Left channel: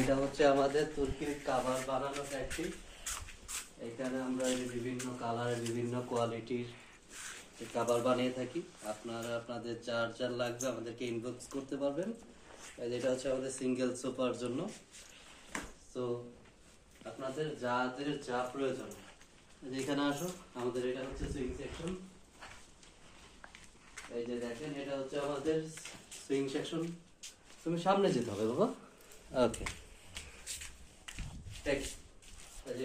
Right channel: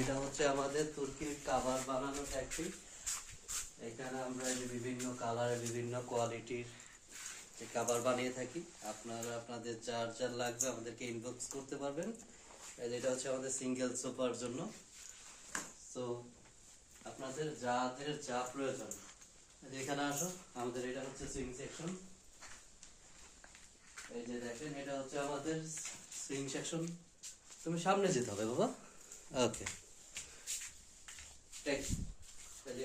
এটা হচ্ছে আমাদের তুর্কির কাভার বানানো ফ্যাক্টরি। এখানে আমরা বিভিন্ন কালারের বিভিন্ন কোয়ালিটির কাভার বানিয়ে থাকি। আপনারা আপনাদের যার যার লাগবে আমাদেরকে ইনবক্স করতে পারবেন। এটা হচ্ছে আমাদের সিঙ্গেল সোফার জন্য। তো আপনাদের যাদের যা প্রয়োজন এখানে আসো। আমাদের এটা হচ্ছে সুইং সেকশন। এই যে দেখেন এটা হচ্ছে আমাদের সুইং সেকশন। তুমি সামনে যেতে হবে বাবা। ওকে,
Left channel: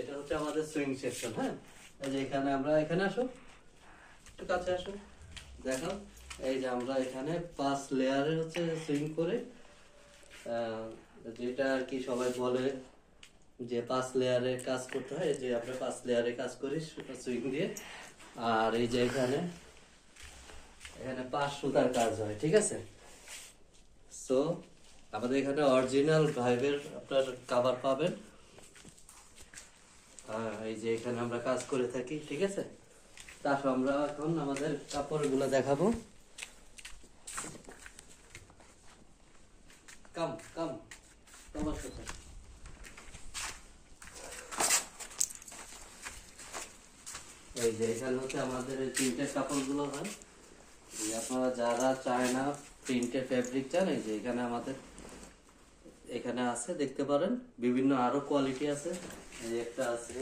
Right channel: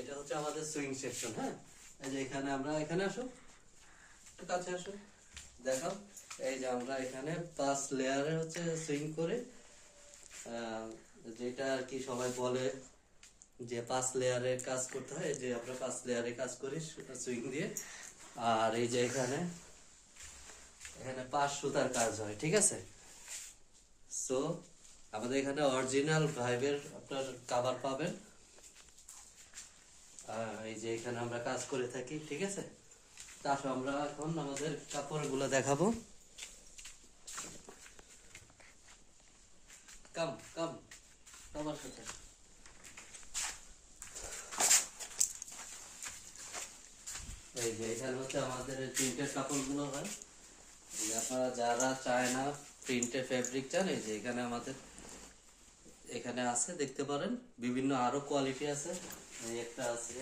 এটা হচ্ছে আমাদের সুইং সেকশন। হ্যাঁ, এই যে এখানে আমরা এখানে আসো, একটু কাছে আসো, দেখাও। এই যে আমরা এখানে 5 লেয়ারে হচ্ছে সুইং করে, যেটা আর কি সবাই বলে যে 5 লেয়ারে কাজ করতে হয়, যে আমরা 5 লেয়ারে কাজ করি সুইং দিয়ে। আর এই যে এখানে 5 সুতার কাজ হয়, ঠিক আছে। সো আমাদের এখানে অরিজিনাল ভাইবের আপনার কাভার পাবেন। এই যে এখানে আমরা কাজ করে থাকি, ঠিক আছে। তারপর আমরা এখন আমাদের কাপড়গুলো দেখাবো। কাম কাম আমার সাথে। এই যে এখানে হচ্ছে আমাদের প্রিন্টের কাপড়গুলো হয়। আপনারা যারা চায়না প্রিন্টের ফেব্রিক চান, এই যে এখানে আমাদের এখানে আছে, দেখতে পারেন। বিভিন্ন আরো কোয়ালিটি আছে, এই একটা আছে,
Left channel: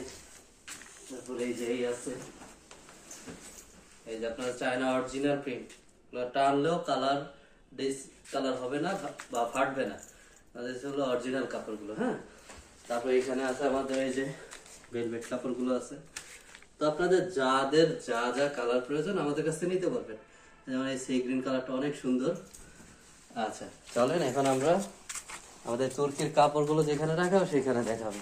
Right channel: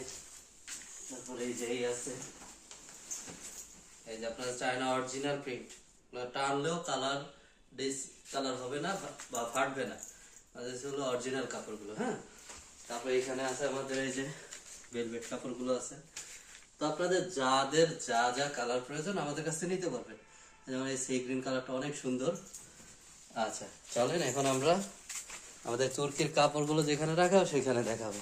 তারপরে এই যে এই আছে। এই যে আপনার চায়না অরিজিনাল প্রিন্ট, টানলেও কালার কালার হবে না বা ফাটবে না। হলো অরিজিনাল কাপড়গুলো। হ্যাঁ, তারপরে এখানে আছে আমাদের এই যে ভেলভেট কাপড়গুলো আছে। তো আপনাদের যাদের যা যা কালার প্রয়োজন আমাদের কাছে নিতে পারবেন। যেমন এই সি গ্রিন কালারটা অনেক সুন্দর। আচ্ছা চলেন এখন আমরা আমাদের তুর্কির কাপড়গুলো যেখানে রাখা সেখানে দেখাবো।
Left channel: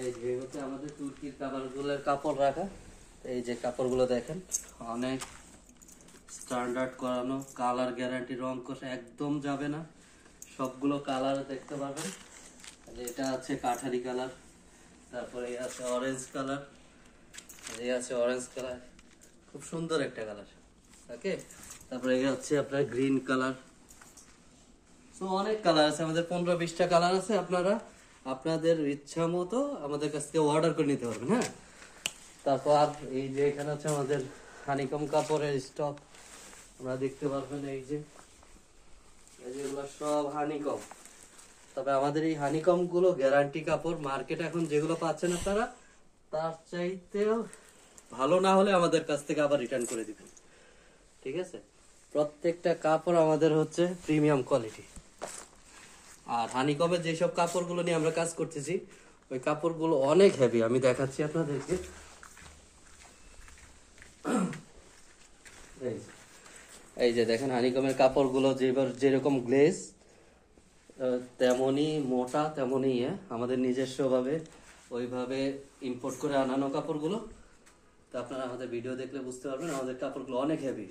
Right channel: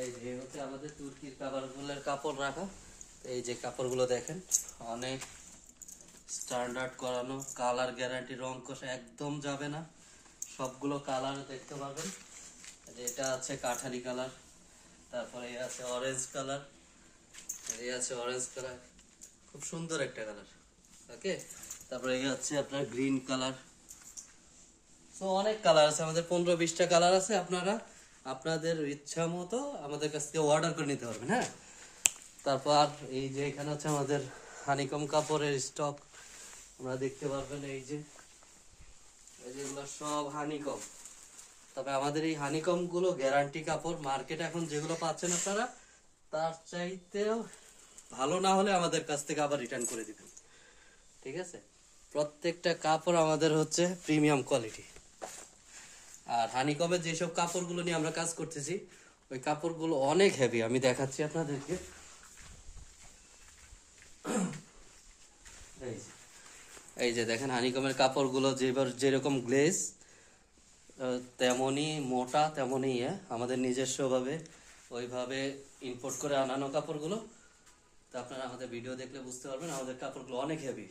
এই যে হচ্ছে আমাদের তুর্কির কাপড়গুলোর কাপড় রাখা। এই যে কাপড়গুলো দেখেন, অনেক স্ট্যান্ডার্ড করানো, কালার গ্যারান্টি, রং কষা একদম যাবে না। সবগুলো কালার দেখতে পাবেন। এটা আছে কাঠারি কালার, তারপরে আছে অরেঞ্জ কালার, এই আছে অরেঞ্জ কালার, খুব সুন্দর একটা কালার। ওকে, তারপরে এই হচ্ছে আপনার গ্রিন কালার। তো অনেক কালার আছে, আমাদের 15-20টা কালার আছে। আপনারা আপনাদের ইচ্ছা মতো আমাদের কাছ থেকে অর্ডার করে নিতে পারবেন। হ্যাঁ, তারপর এই যে এখানে হচ্ছে আমাদের হানিকম কাপড়ের স্টক, আপনারা দেখতে পারবেন। এই যে এগুলো সব হানিকম। তবে আমাদের এই হানিকম গুলো গ্যারান্টি কাপড়। মার্কেটে এখন যেগুলো পাচ্ছেন আপনারা, তার চাইতেও ভালো না হলে আমাদের কাছ থেকে আবার রিটার্ন করে দিবেন, ঠিক আছে। প্রত্যেকটা কাপড় আমাদের হচ্ছে প্রিমিয়াম কোয়ালিটি। আর হানিকমের যেসব কাপড়গুলো নিয়ে আমরা কাজ করতেছি, ওই কাপড়গুলো অনেক হেভি। আমি দেখাচ্ছি আপনাদেরকে। এই যে দেখেন হানিকমের কাপড়গুলো যেরকম গ্লেজ, তেমনি মোটা, তেমনি আমাদের নিজস্ব ভাবে ওইভাবে ইম্পোর্ট করে আনানো কাপড়গুলো। তো আপনারা আমাদের ভিডিও দেখলে বুঝতে পারবেন আমাদের কাপড়গুলো অনেক হেভি।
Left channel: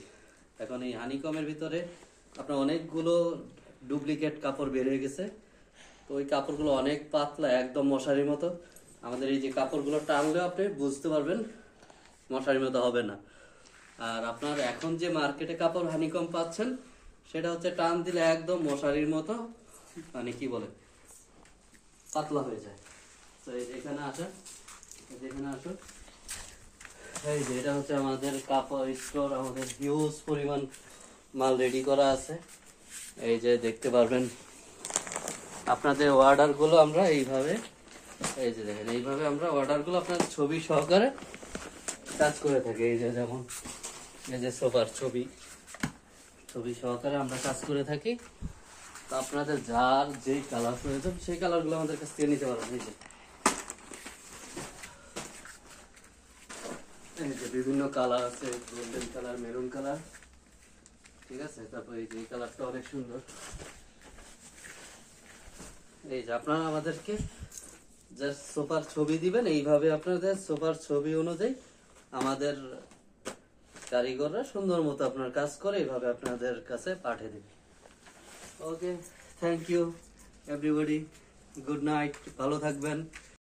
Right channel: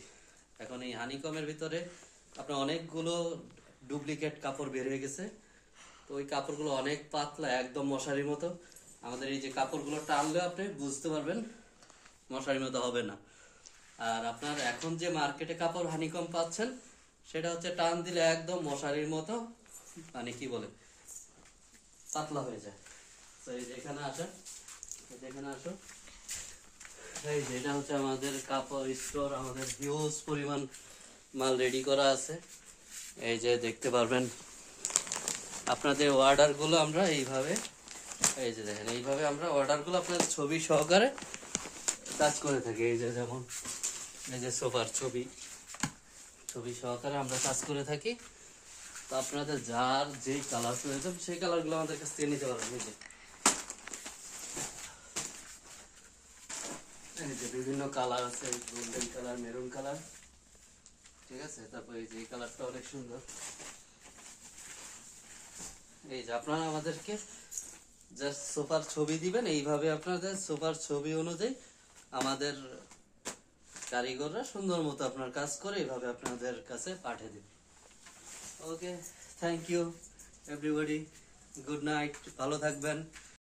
এখন এই হানিকমের ভিতরে আপনার অনেকগুলো ডুপ্লিকেট কাপড় বের হয়ে গেছে। তো ওই কাপড়গুলো অনেক পাতলা, একদম মশারির মতো। আমাদের এই যে কাপড়গুলো টানলেও আপনি বুঝতে পারবেন মশারির মতো হবে না। আর আপনার এখন যে মার্কেটে কাপড় হানিকম পাচ্ছেন, সেটা হচ্ছে টান দিলে একদম মশারির মতো, মানে কি বলে, পাতলা হয়ে যায়। তো এখানে আসা, এখানে আসো। এই যে এটা হচ্ছে আমাদের কাপড় স্টোর। আমাদের হিউজ পরিমাণ মাল রেডি করা আছে। এই যে দেখতে পারবেন আপনাদের অর্ডার গুলো আমরা এইভাবে, এই যে দেখেন এইভাবে আমরা অর্ডার গুলো আপনার ছবি সহকারে কাজ করে থাকি। এই যে যেমন এই যে সোফার ছবি সহকারে আমরা কাজ করে থাকি। তো আপনাদের যার যে কালার প্রয়োজন সেই কালার গুলো আমাদের কাছ থেকে নিতে পারবেন। এই যে বিভিন্ন কালার আছে, গোল্ডেন কালার, মেরুন কালার, ঠিক আছে। তারপর এই যে এই কালারটা অনেক সুন্দর। এই যে আপনারা আমাদেরকে জাস্ট সোফার ছবি দিবেন, এইভাবে আপনাদের সোফার ছবি অনুযায়ী আমাদের কারিগররা সুন্দর মতো আপনার কাজ করে এইভাবে আপনাদের কাছে পাঠিয়ে দিবে। Okay, thank you everybody, good night, ভালো থাকবেন।